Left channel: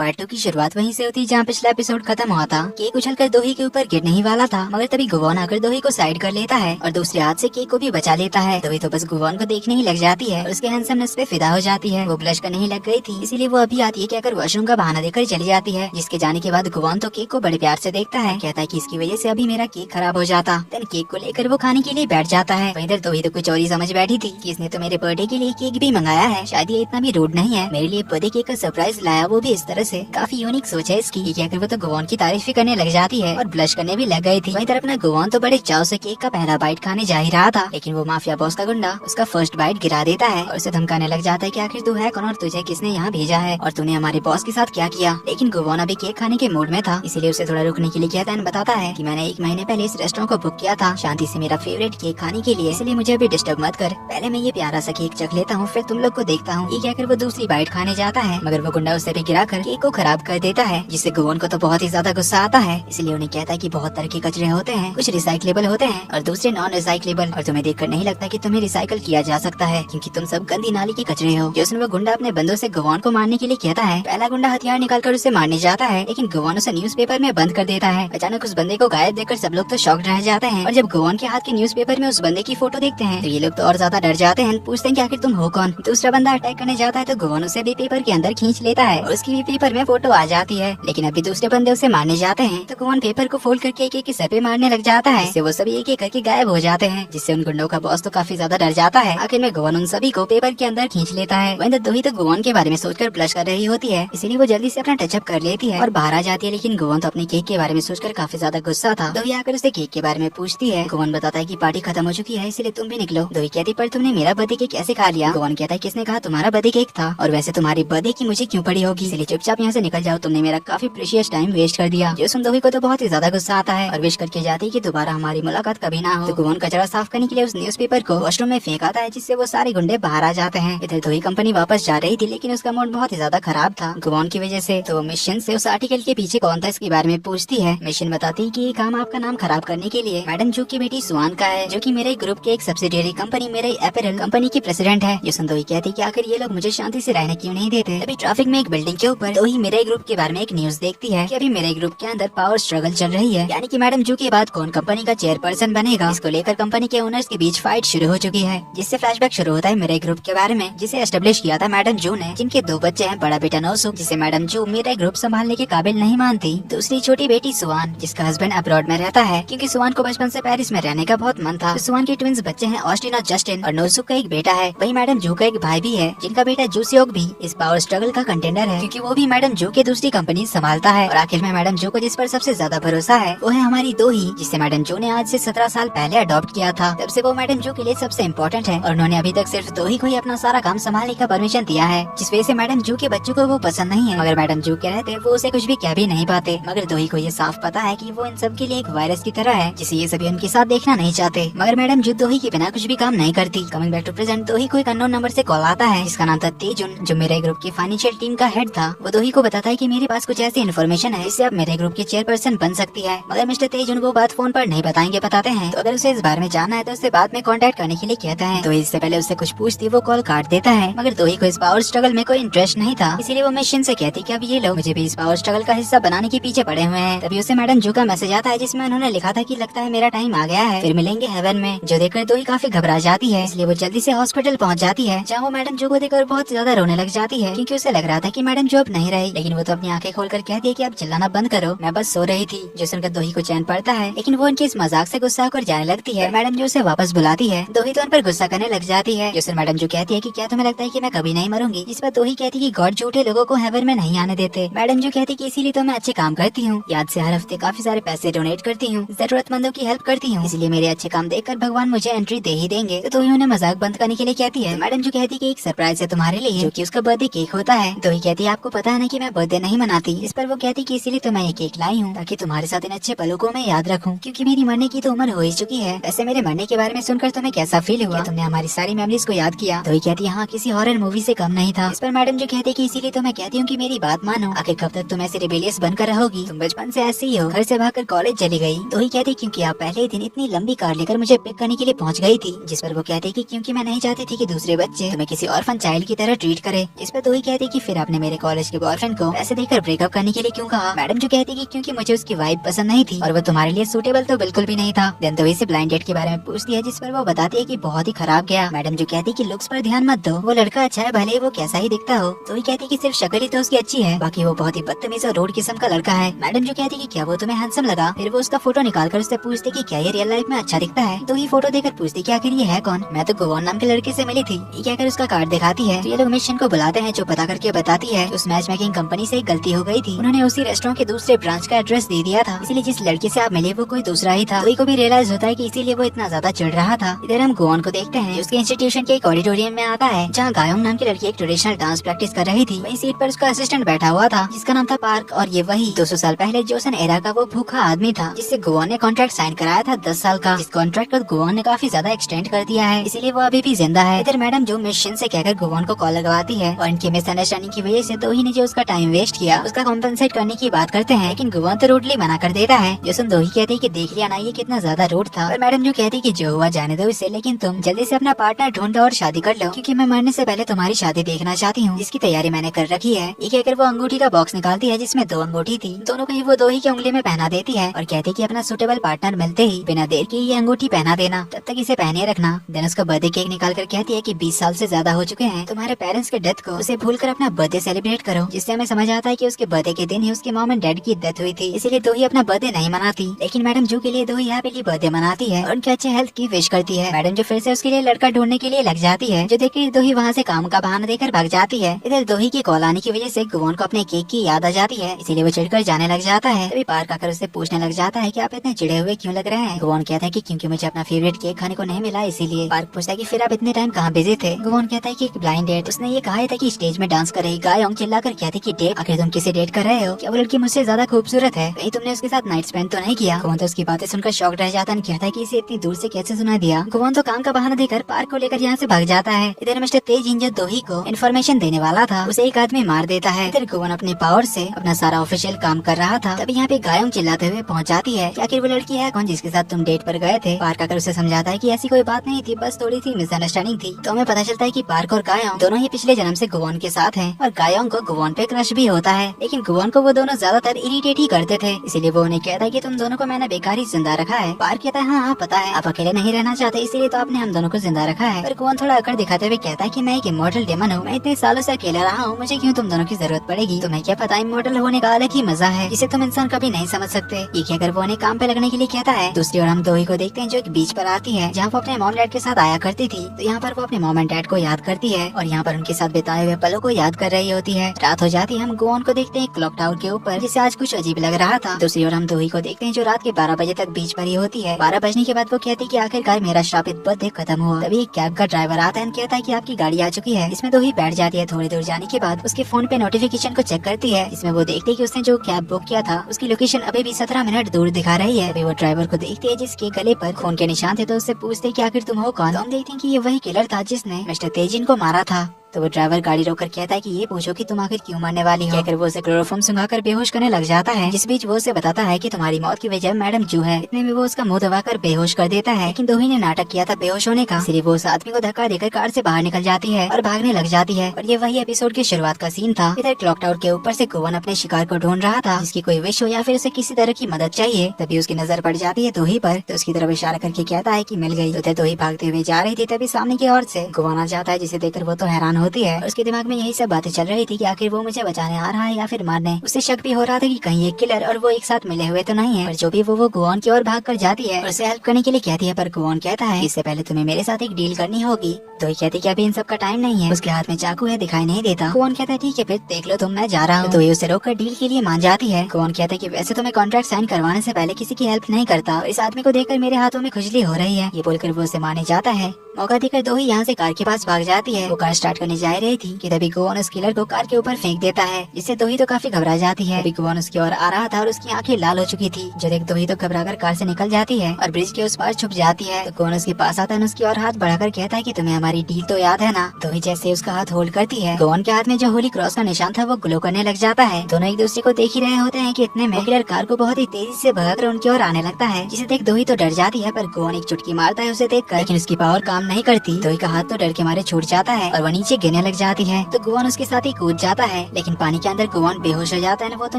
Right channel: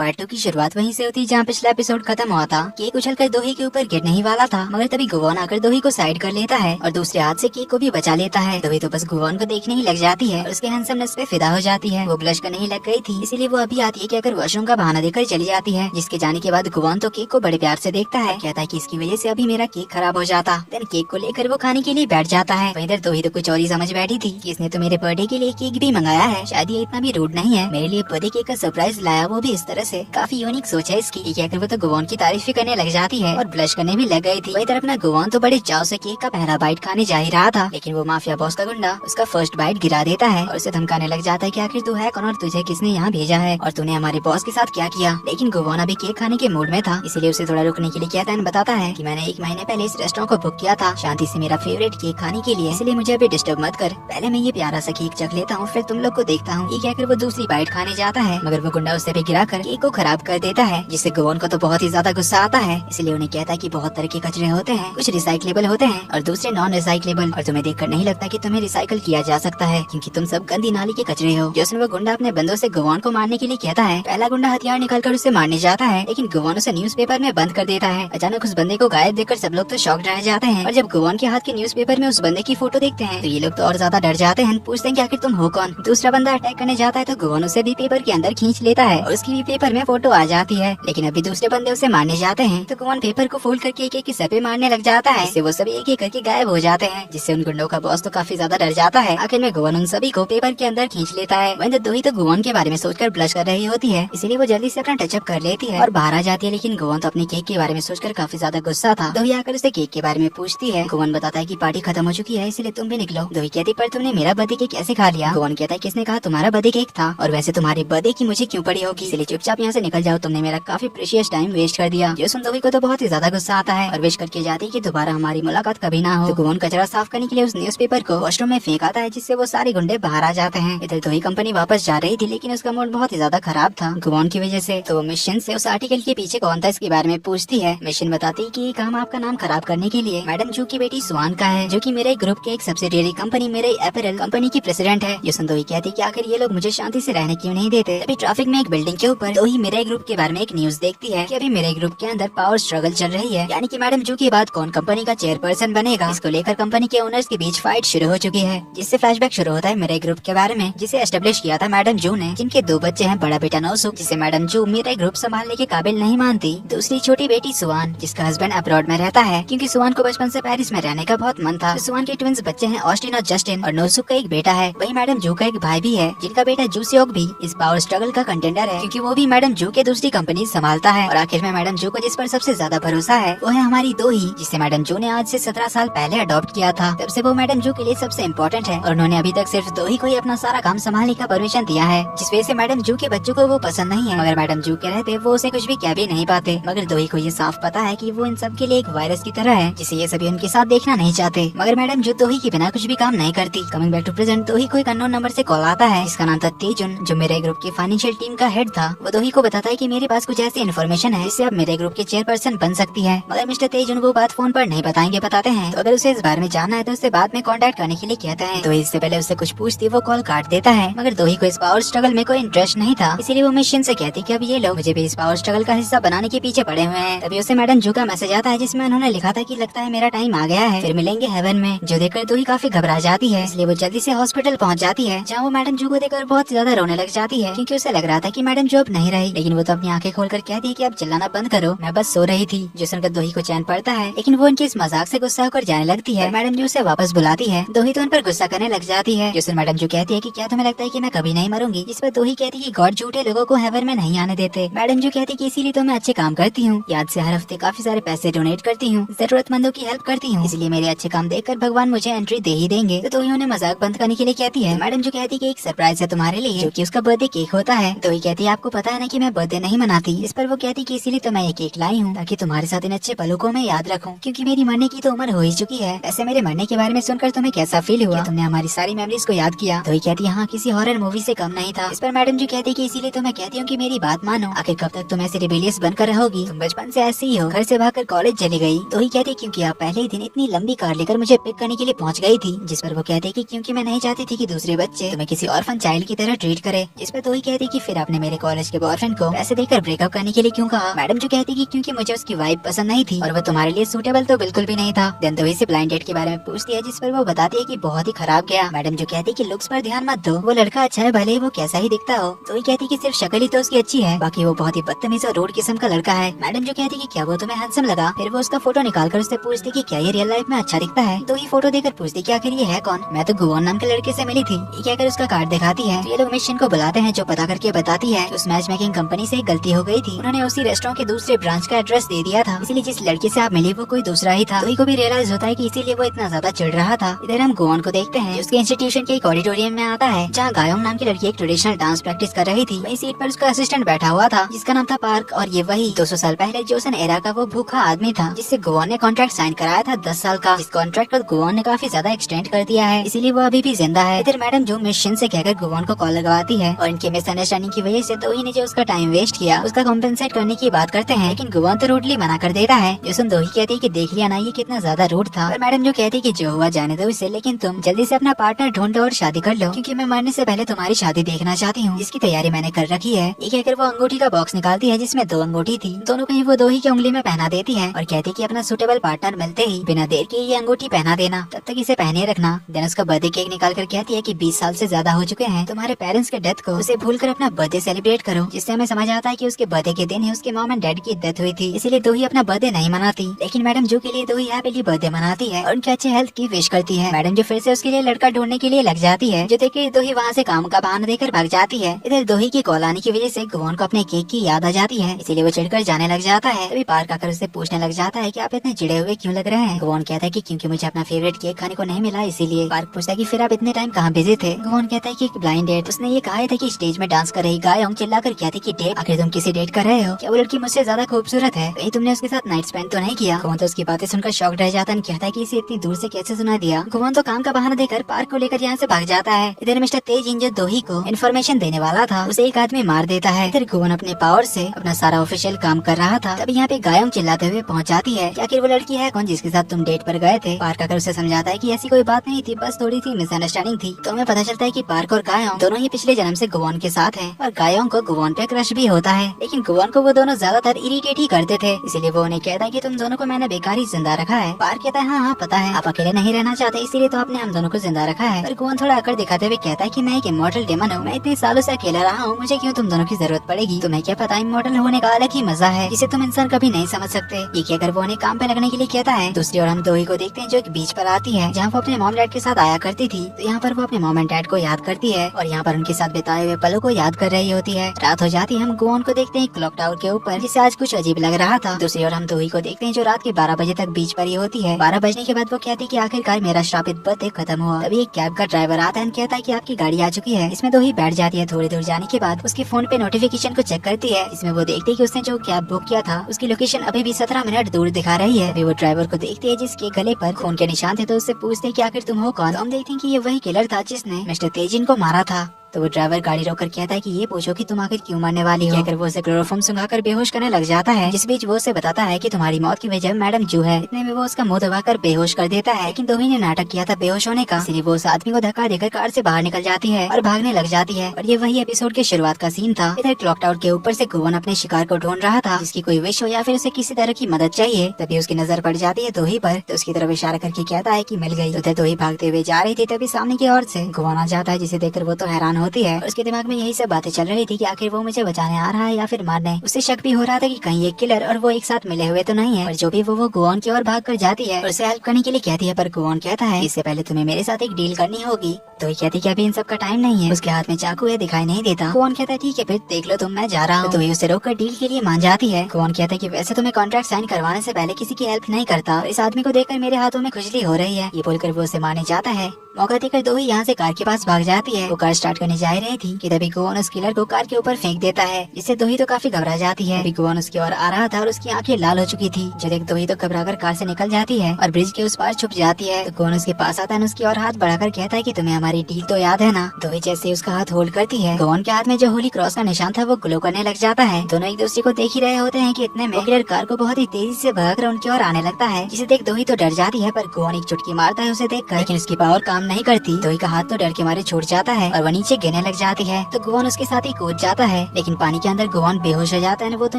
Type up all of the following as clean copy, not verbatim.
Part 2 की शुरुआत वहीं से होती है जहाँ पिछला एपिसोड खत्म हुआ था। केक उछलकर दोही के ऊपर गिरने ही वाला था, मगर तभी गुवॉन आकर दोही को साइड कर लेता है और दूसरे हाथ से केक को भी बचा लेता है। दोही तो बस गुवॉन को देखने ही लग जाती है और उसके हैंडसमनेस पे फिदा हो जाती है। वो ब्लश करने ही लग गई थी, इसीलिए वो अभी आती है कि अगर वॉशरूम का बहाना देकर चली जाती है। जिसके जाने के बाद गुवॉन तो केक को बड़े प्यार से देखता है, कहता है कि इसकी वजह से अभी मेरा केक खराब हो जाता। देन केक को लेकर वो खाने के लिए बैठ जाता है। इधर दोही तो कुछ और ही समझ बैठी थी कि इसने तो मेरे बर्थडे के लिए केक भी मंगाया है, शायद ये इतना भी रूड नहीं है, मेरे लिए बर्थडे केक का सरप्राइज लाया, वो भी इस तरह से। काफी यूनिक सोच है इसकी। ये कहकर वो तो गुवॉन की तारीफ ही करने लग जाती है और ब्लश करने भी लग गई थी। वही तरफ ना गुवॉन तो बड़े चाव से केक का पहला बाइट खाने जा ही रहा था, लेकिन वो माफिया बॉस का गुंडा उसका फर्स्ट बाइट गिरा देता है और उसे धमकाने लग जाता है कि आखिर तू है कौन और तुझे किसने यहाँ भेजा है और तूने हमारे बॉस के साथ क्या किया। लेकिन गुवॉन अभी केक खाने के मूड में था, इसीलिए उसे थोड़ा रुकने के लिए कहता है, बताता है कि मैंने 1 महीने पहले इस रेस्टोरेंट को बुक किया था शांति से मेरा फेवरेट केक खाने के लिए, इसलिए मुझे अभी डिस्टर्ब मत कर, पहले मैं ये प्यारा सा केक चख लेता हूँ फिर तुम लोग को देखता हूँ। ये कहकर वो दूसरी बाइट खाने जाता है, मगर वो गुंडा उसे भी गिरा कर केक को खराब कर देता है, जिससे गुवॉन को तो बहुत ही ज्यादा गुस्सा आता है। इसलिए उन्हें कहता है कि बहुत तरह के कचरे होते हैं, कुछ रिसाइक्लेबल होते हैं और दूसरे नॉन रिसाइक्लेबल, और तुम्हें देखकर नहीं लगता कि तुम्हें रिसाइकल किया जा सकता है क्योंकि तुम सब गंदी नाली के कचरे हो। जिसमें वो गुंडा अपने बंदों से गुवॉन को मारने के लिए कहता है। पहला गुंडा हथियार निकालकर उसे मारने जाता है, लेकिन गुवॉन उसे न्यूज़पेपर में बंद कर देता है। अचानक उस बंदे को गायब देखकर सब लोग तो शॉक्ड रह जाते हैं और जब गुवॉन के हाथ के न्यूज़पेपर में उस बंदे की फोटो देखते हैं तो ये लोग तो और ज्यादा डर जाते हैं, पूछते हैं कि आखिर तुम हो कौन। दूसरा बंदा अटैक करने जाता है तो गुवॉन उसे भी पेपर के अंदर खींच लेता है और उसकी भी पेपर में फोटो आ जाती है। लेकिन अभी दूसरे बंदे उसे मारने जाते हैं तो गुवॉन पेपर को फोल्ड करके एक एक सर पे मारने लग जाता है, जिससे वो सभी एक एक करके गायब हो जाते हैं, जिससे उन गुंडों का बॉस तो काफी ज्यादा डर जाता है। आखिर में गुवॉन उन सभी को पेपर के अंदर खींच लेता है। वहीं दोही तो गुवॉन के बारे में सोचकर ब्लश कर रही होती है, इसीलिए वो जल्दी से अपना टचअप कर लेती है और बाहर आ जाती है। लेकिन गुवॉन तो अपने केक के बारे में सोचकर काफी ज्यादा गुस्सा था। दोही आकर उसे केक के बारे में पूछती है। गुवॉन बताता है कि पार्टी खत्म हो चुकी है इसलिए तुम भी निकलो। दोही कहती पर तुमने मेरा बर्थडे केक कैसे खा लिया। गुवॉन कहता है किसने कहा तुम्हारा बर्थडे केक था, और वैसे तुम्हारी बर्थडे की मुझे क्यों पड़ी होगी, इसलिए चुपचाप यहाँ से निकल जाओ, तुमने मेरा काफी प्रीशियस टाइम वेस्ट कर दिया। जो सुन दोही को तो बहुत ही ज्यादा गुस्सा आता है और विश करके जाती है कि दोबारा हमारी मुलाकात कभी ना हो। तो गुवॉन कचरा साफ करने के लिए उस न्यूज़पेपर को वॉशरूम में फेंक आता है, जिससे वो सारे गुंडे बाहर आ जाते हैं। इधर दोही कंपनी वापस जा रही थी, लेकिन उसका मूड बहुत ही ज्यादा खराब था गुवॉन की वजह से। तो मिशन से उस आर्टिकल के पीछे कौन था इसके बारे में पूछती है। मिशन बताती है कि ये काम आपका नाम खराब करने के लिए मैडम जो की बेटी सुआन का है, जो की मेरे ग्रुप के एक सब्सिडियरी कंपनी मेरे अपैरल कंपनी की प्रेसिडेंट है। ये दोही कहती कि आखिर ये लोग मुझे शांति से रहने क्यों नहीं देते। अभी ट्रैफिक में एक बिल्डिंग के ऊपर दोही मेरे ग्रुप के बारे में एक न्यूज देखती है कि अभी मेरे ग्रुप के अंदर पावर स्ट्रगल चल रही है, यानी कि मैडम जो के बाद कौन कंपनी का चेयरपर्सन बनेगा, इसको लेकर कंपनी के ओनर्स के बीच फाइट शुरू हो चुकी है। जिससे फ्लैशबैक शुरू होता है मेरे ग्रुप के बारे में, जिसे एस्टेब्लिश किया था मैडम जू ने, जिनके 2 बच्चे हैं, बड़ा बेटा नोसुक जिसे मैडम जू मेरे ग्रुप संभालने के काबिल नहीं मानती, दूसरी छोटी बेटी सुआन जिसका हस्बैंड अब्रॉड में रहता है क्योंकि सुआन को बचपन से पेरिस में रहने का बहुत मन था। सुआन के ट्विंस बच्चे हैं ऑस्टिन और जस्टिन, और नोसुक का एक बेटा है। वही मैडम जू का एक भाई भी है जिनका बेटा जूसियोक भी इस पावर स्ट्रगल का कंटेंडर है, क्योंकि वो भी मैडम जू के दूसरी कंपनी संभालता है। और आखिर में मैडम जू को जिस पर सबसे ज्यादा भरोसा है वो है हमारी दोही, जिसे मैडम जू ने आज से 17 साल पहले अडॉप्ट किया था। तब से वो मैडम जू के लिए सबसे इम्पोर्टेंट है और उन्होंने अभी तक सिर्फ दोही को ही अपना सारा काम संभालने का परमिशन दिया है, जिस वजह से मैडम जू के बच्चों को वो पसंद नहीं है। मगर मैडम जू के रहते वो उसे कुछ भी कह भी नहीं पाते। मगर दोही को ये साफ पता है कि वो इन सब के लिए एक वायरस की तरह है, जिसे ये सभी उनके साथ देखना नहीं चाहते। मगर मैडम जू दोही के बिना कुछ भी काम नहीं करती। कमिंग बैक टू प्रेजेंट, दोही को एक अननोन नंबर से कॉल आता है जिसका नाम था तेजुन, जो मेरे ग्रुप के फाइनेंशियल टीम का हेड था। वो दोही को बताता है कि मेरे पास कुछ ऐसी इन्फॉर्मेशन है जिससे आप मेरे ग्रुप के चेयरपर्सन बन सकती है। मगर मिस्टर तेजुन वो बात फोन पर नहीं बताएंगे, बताते हैं तो अगर उसे इस बारे में जानना है तो उससे बाद में कांटेक्ट करने के लिए कहते हैं। तो इससे पहले उससे कुछ पूछती वो कॉल काट देता है। मगर दोही को इस पावर स्ट्रगल में कोई इंटरेस्ट नहीं था, इसीलिए वो मिशन से कहती कि अब ये लोग मुझे भी इस पावर स्ट्रगल का हिस्सा बनाने के पीछे पड़े हुए हैं। तभी उसे मैडम जू का मैसेज आता है जिसमें उन्होंने लिखा था कि लगता है मेरा टाइम आ गया है, फिर मिलेंगे हेवन में। जो देखकर दोही काफी घबरा जाती है, इसलिए वो जल्दी से हॉस्पिटल पहुंच जाती है, जहाँ वो मैडम जू को देखकर बहुत ज्यादा रोने लग जाती है क्योंकि उसे लग रहा था कि मैडम जू अब नहीं रही। लेकिन वो तो अपनी आंखें खोलकर कहती है कि अब चिल्लाना बंद करो, मैं बस सो रही थी। जो सुनकर दोही को चैन पड़ता है, लेकिन वो उनके इस मजाक से गुस्सा होकर जाने लगती है। मैडम जू उसे वापस बुलाती है। दोही तो उन पर गुस्सा करने लग जाती है। जो मैडम जू कहती है कि क्या तुम्हें लगता है कि मैं कभी नहीं मरूंगी, इस पर दोही कहती है कि गॉड झूठे लोगों को हेवन में नहीं आने देते। मैडम जू कहती है कि इसीलिए तो मैं अच्छे काम करती हूँ, याद से हर हफ्ते काफी सारे पैसे डोनेट करती हूँ, जरूरतमंदों की हेल्प करती हूँ, इसलिए मेरे अच्छे काम देखकर भगवान मुझे एंट्री दे ही देंगे। तो दोही उन्हें मजाक बंद करने के लिए कहती है। मैडम जू कहती है कि एक सरप्राइज है तुम्हारे लिए, जो कि उसका बर्थडे केक होता है। दोही कहती है आपको पता है ना कि मैं बर्थडे नहीं मनाती। इस पर वो कहती कि इसीलिए तो मैं ये केक लाई हूँ ताकि तुम्हारे साथ इन अच्छे पलों को मैं याद रखूँ, क्योंकि मेरी मरने की तो उम्र हो ही चुकी है। वैसे मेरे मरने के बारे में सुनकर तुम्हें कैसा फील हुआ, तुमने हमारी सारी मेमोरीज को याद किया। दोही कहती है हाँ, किसी हॉरर मूवी से कम नहीं था। इस पर मैडम जो कहती है कि इसीलिए तो मैं कहती हूँ कि मेरी बात मानो, आखिर कब तक तुम ऐसी रिबेलियस बनकर रहोगी, तुम बचपन से ऐसे ही हो, घर से भागकर कॉलेज चली गई। दोही कहती क्योंकि आप पहले ही दिन इतनी लंबी कार लेकर मुझे पिक करने के लिए पहुँच गई थी। जिस पर वो कहती कि क्योंकि मैं नहीं चाहती थी कि दूसरे बच्चे तुम्हें किसी ऑर्फन चाइल्ड की तरह ट्रीट करे। जिस पर दोही कहती कि फिर आपने मेरे कॉलेज के बॉयफ्रेंड को पैसे देकर ब्रेकअप करने के लिए क्यों कहा। मैडम जो कहती कि क्योंकि मुझे उसकी वाइफ पसंद नहीं थी और वो तुम्हारे लिए सूटेबल तो बिल्कुल भी नहीं था। देन तो से ब्लाइंड डेट के बारे में पूछती है, जिस पर वो बताती है कि बहुत ही खराब गया। मैडम जो कहती कि लुक्स पर ध्यान मत दो, वो लड़का अच्छा है भले ही वो कैसा ही दिखता हो। तो ही कहती कि सिर्फ शक्ल ही तो उसकी अच्छी है, बाकी वो बहुत ही बदतमीज और रोड किस्म का लड़का है। मैडम जो कहती कि क्या वो तुम्हें हैंडसम लगा। फिर वो उसका फोटो निकाल कर उससे पूछती कि क्या ये रियल लाइफ में अच्छा दिखता है। तो ही फोटो देकर पूछती कि आखिर ये है कौन। मैं तो गोवन नाम के लड़के से मिली थी। ये कहकर उसका कार्ड दिखाती है। ये लोग मिशन को बुलाते हैं, जो पता करके बताती है उस मैच मेकिंग कंपनी से एक गलती हो गई थी। उन्होंने उसी रेस्टोरेंट के दूसरे ब्रांच का एड्रेस दे दिया था, इसीलिए जिस लड़के से आप मिली वो कोई दूसरा ही था। को भी रियलाइज होता है कि इसीलिए वो इतना ज्यादा चिढ़ रहा था। इधर हम गोवन को देखते हैं, उसके इंस्टीट्यूशन के एक ऑडिटोरियम में आता है, जहाँ गायोंग नाम की लड़की एक ट्रेडिशनल डांस प्रैक्टिस कर रही थी। वही सीट पर उसका असिस्टेंट बैठा हुआ था, जिसका नाम था पार्क। और ये वही 200 साल पहले जोसन एरा का वो भूखा आदमी था, जिससे गोवन ने कॉन्ट्रैक्ट साइन कराया था 10 साल का। इस कॉन्ट्रैक्ट को गोवन ने काफी ज्यादा एक्सटेंड कर दिया है, इसीलिए वो अभी भी जिंदा है। इधर मैडम जो मिशन से कहकर गोवन को कॉल लगवाती है, और इनकी मिसअंडरस्टैंडिंग की वजह से दो ही ने जो उसका टाइम वेस्ट किया उसका कॉम्पेंसेट करने की बात करते हैं, लेकिन गोवन तो रोडली मना कर देता है। जोसन दो ही कहती है कि देख लिया ना ये कितना ज्यादा रूड था। और मैडम जो कहती कि जो हुआ जाने दो इसे, लेकिन तुम जल्दी से अपना पार्टनर ढूंढो और शादी कर लो, क्योंकि मैं मरने से पहले तुम्हारी शादी देखना चाहती हूँ, इसकी तैयारी मैंने कर रखी है। ये कहकर वो अंगूठी का बॉक्स निकालती है, जिसमें 2 अंगूठी थी। दोनों को ही वो 2 ही की उंगली में पहना देती है और कहती कि अपना सुटेबल पार्टनर मिलते ही बिना देर की ये अंगूठी पहना देना, तब तक इसे पहने रखना। देन उसका बर्थडे केक निकाल कर कहती है कि 20 साल से ज्यादा हो चुके हैं तुम्हारे पेरेंट्स के डेथ को, उसे भूल कर अपना बर्थडे सेलिब्रेट करो। जिससे हमें समझ आता है कि उसके बर्थडे के दिन ही उसकी मॉम एंड डैड की डेथ हुई थी, इसीलिए दो ही अपना बर्थडे नहीं मनाती। लेकिन मैडम जो के लिए दो ही हैप्पीली बर्थडे मनाती है और उनके अच्छे हेल्थ की विश करती है। मैडम जो फिर से उसके लिए लड़का ढूंढने के लिए लग जाती है, जो देख के दो ही वहाँ से काम का बहाना देकर भाग जाती है। इधर दो ही की कॉल आने की वजह से गोवन को अपने केक की याद आ जाती है, इसीलिए वो चिढ़कर जाने लग जाता है। तभी पार्क आकर उससे पूछने लग जाता है कि आप इतने चिढ़े हुए क्यों लग रहे हैं। गोवन कहता है कि क्योंकि मुझे अपना फेवरेट केक खाने को नहीं मिला इसीलिए। पार्क पूछता है कि फिर आप इतने टाइम कहाँ बिजी थे। गोवन कहता है कि एक ब्लाइंड डेट। उसने ये कहा था कि स्टेज में डांस कर रही गायोंग चिल्लाकर कहती कि डेट, आखिर तुम किसी डेट कर रहे हो क्या? वो लड़की मुझसे ज्यादा खूबसूरत है, कहीं तुमने उसके साथ नाइट स्पेंड तो नहीं किया? गोवन तो उसकी बातें सुनकर शॉक रह जाता है, कहता है कि इसे इतनी दूर से कैसे सुना दिया। गोवन तो काम का बहाना देकर पार्क को लेकर यहाँ से भाग जाता है। इधर मिस्टर तेजिन जो दोही को इन्फॉर्मेशन देने वाला था, उसे एक आदमी मार देता है। इधर गोवन अपने पावर से अपना सारा ऑफिशियल काम कर रहा था, तभी यहाँ पे गायोंग चिल्लाते हुए पहुँच जाती है कि आखिर वो लड़की है कौन जिसके साथ तुम डेट पर गए थे। पार्क आकर उसे समझाता है कि ऐसी कोई बात नहीं थी, बस थोड़ी सी मिसअंडरस्टैंडिंग थी। तो हमें पता चलता है कि पार्क और गायोंग दोनों ही पिछले जन्म से गोवन के साथ हैं और गायोंग को गोवन पे क्रश भी होता है, लेकिन गोवन को वो दोनों ज्यादातर इरिटेट ही करते थे, इसीलिए वो उन्हें कहता है कि तुम दोनों को मैंने बेकार ही जिंदा रखा है। पार्क कहता है हाँ पता है, आप अकेले नहीं रहना चाहते इसीलिए तो आपने हम दोनों को जिंदा रखा है। पर गोवन थोड़ा अकड़ दिखाते हुए कहता है कि मैं एक इमॉर्टल डेमन हूँ, मैं इतने सालों से अकेला रहा हूँ, मुझे क्यों तुम दोनों की जरूरत पड़ेगी? तुम्हें क्या पता इमॉर्टल होने का अलग ही मजा है, इसे तुम इंसान कभी नहीं समझ सकते। ये कहकर वो उन्हें काम पे लगने के लिए कहता है। दूसरी ओर हम दोही को देखते हैं जो एक बीच पर आती है, जहाँ वो अपने मॉम डैड के साथ आया करती थी। तो यहाँ पर वो अपने मॉम एंड डैड को याद करती है और यहाँ पर उनके साथ बिताए हुए पलों को याद कर रही होती है। रात हो जाती है, हम गोवन को देखते हैं क्लॉक टावर के ऊपर, जिसे आज कुछ अजीब लग रहा था। दूसरी ओर हम दोही को देखते हैं जो रात के 12 बजे तक बीच पर ही होती है। 12 बजने के बाद वो कहती है कि आखिरकार मेरा श्रापित बर्थडे खत्म हुआ। तभी एक कैब का ड्राइवर आता है, कहता है कि आपकी गाड़ी आ चुकी है। इसमें दोही बैठ जाती है। थोड़ी दूर जाने के बाद उसके फोन पे नोटिफिकेशन को चेक करती है, इसमें वो देखती है कि उसने जो कैब बुक किया था उसकी लोकेशन अभी भी 17 मिनट दूर दिखा रही है। अभी वो ड्राइवर को देखती है जिसके गले पर खून के निशान थे, तो उससे पूछते हैं कि आखिर तुम हो कौन? तो हम देखते हैं कि ये वही किलर था जिसने मिस्टर तेजिन को मारा था। तो वो ड्राइवर गाड़ी रोककर कहता है कि ये पूछो कि तुम आखिर क्यों मरने वाली हो। कहकर वो उसे क्लोरोफॉर्म सुंघाकर बेहोश करने लग जाता है, जिस बीच वो उसे बताता है कि तुम्हारी मौत की वजह मैडम जू है। इतने में वो उसका मुंह दबाकर बेहोश कर देता है, लेकिन दोही ने नाटक किया था बेहोश होने का, इसलिए वो उस आदमी को धक्का देकर कार से बाहर निकल जाती है और भागने लग जाती है। और ये वही एपिसोड के शुरुआत का सीन था। इधर क्लॉक टावर के ऊपर से गोवन अपने शिकार को ढूंढ रहा था, जिसकी कोई विश हो या फिर उसे किसी तरह की मदद चाहिए। तभी उसकी नजर पड़ जाती है दोही पर, तो उसकी तरफ इशारा करके कहता है कि मिल गई। तो दोही भागते हुए जा रही थी, तभी सामने की ओर से गोवन आ जाता है, जिसे देखकर वो तो हैरान होती है। उसके दिमाग में यही सब बातें चल रही थी कि आखिर वो मुझे बचाने आ रहा है या फिर मारने। उससे शक भी हो रहा था कि कहीं एक किलर और वो एक साथ मिले हुए तो नहीं है। पर जो भी वो गोवन की ओर भाग कर जाती है और उसे हेल्प करने के लिए कहती है, पर गोवन कहता है इससे पहले तुम्हें मेरे साथ एक डील करनी होगी। तो ये कहती कि अभी इन सब का टाइम नहीं है। उसके हाथ में चाकू है, दिखाई नहीं देता। गोवन कहता है ठीक है फिर देख लो तुम, मैं जा रहा हूँ। तो ये उसे रोककर डील के लिए मान जाती है। गोवन कहता है कि वैसे तो मैं कॉन्ट्रैक्ट साइन करवाने से पहले किसी की हेल्प नहीं करता। इस आदमी को देखकर मेरे हाथों में खुजली हो रही है। ये बोलकर वो उसे माने जाता है। मौका देकर दोही यहाँ से कार के पास भाग जाती है। वो कार स्टार्ट करने जा रही थी कि तभी गोवन उस किलर को कार के ऊपर फेंक देता है, जिससे दोही तो काफी घबरा जाती है। अभी गोवन उसकी ओर आ रहा था और उसकी आंखें लाल हो चुकी थी। जब एक दोही तो घबराकर कार से निकल जाती है और ब्रिज के उस पार छुप जाती है। तो गोवन उसके पास आता है, उसकी ओर हाथ बढ़ाकर कहता है कि तुम्हें हमारी डील तो याद है ना। दोही जैसे उसका हाथ होल्ड करती है, गोवन के हाथ में जो होली क्रॉस का निशान था वो ग्लो करने लग जाता है। दोनों एक दूसरे को देख ही रहे होते हैं कि इतने में किलर कार को बहुत ही तेजी से भगाकर उनकी ओर आने लगता है, जिसे देख दोही तो डर जाती है। पर गोवन एक चुटकी मारता है उसे देखकर, लेकिन उसकी पावर काम नहीं करती। दोही का हाथ तो डर के मारे छूट जाता है और वो नीचे गिरने लग जाती है। तो गुवान उसके साथ ही कूद जाता है, लेकिन पानी के अंदर गुवान बेहोश हो जाता है। वो तो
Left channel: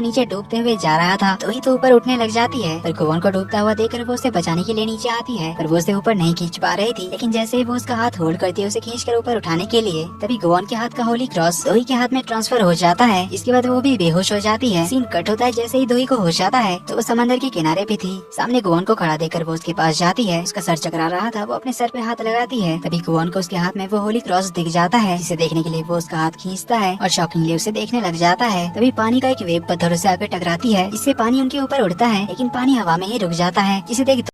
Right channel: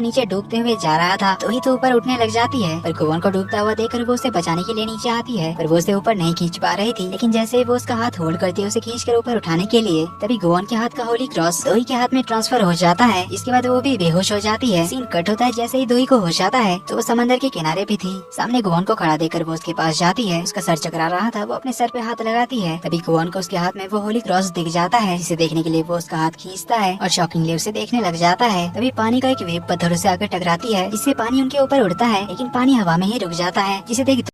नीचे डूबते हुए जा रहा था। दोही तो ऊपर उठने लग जाती है, पर गुवान को डूबता हुआ देखकर वो उसे बचाने के लिए नीचे आती है, पर वो उसे ऊपर नहीं खींच पा रही थी। लेकिन जैसे ही वो उसका हाथ होल्ड करती है उसे खींच कर ऊपर उठाने के लिए, तभी गुवान के हाथ का होली क्रॉस दोही के हाथ में ट्रांसफर हो जाता है। इसके बाद वो भी बेहोश हो जाती है। सीन कट होता है। जैसे ही दोही को होश आता है तो वो समंदर के किनारे पे थी। सामने गुवान को खड़ा देखकर वो उसके पास जाती है। उसका सर चकरा रहा था, वो अपने सर पे हाथ लगाती है। तभी गुवान को उसके हाथ में वो होली क्रॉस दिख जाता है, जिसे देखने के लिए वो उसका हाथ खींचता है और शॉकिंगली उसे देखने लग जाता है। तभी पानी का एक वेव पत्थरों से आकर टकराती है, जिससे पानी उनके ऊपर उड़ता है, लेकिन पानी हवा में ही रुक जाता है, जिसे देख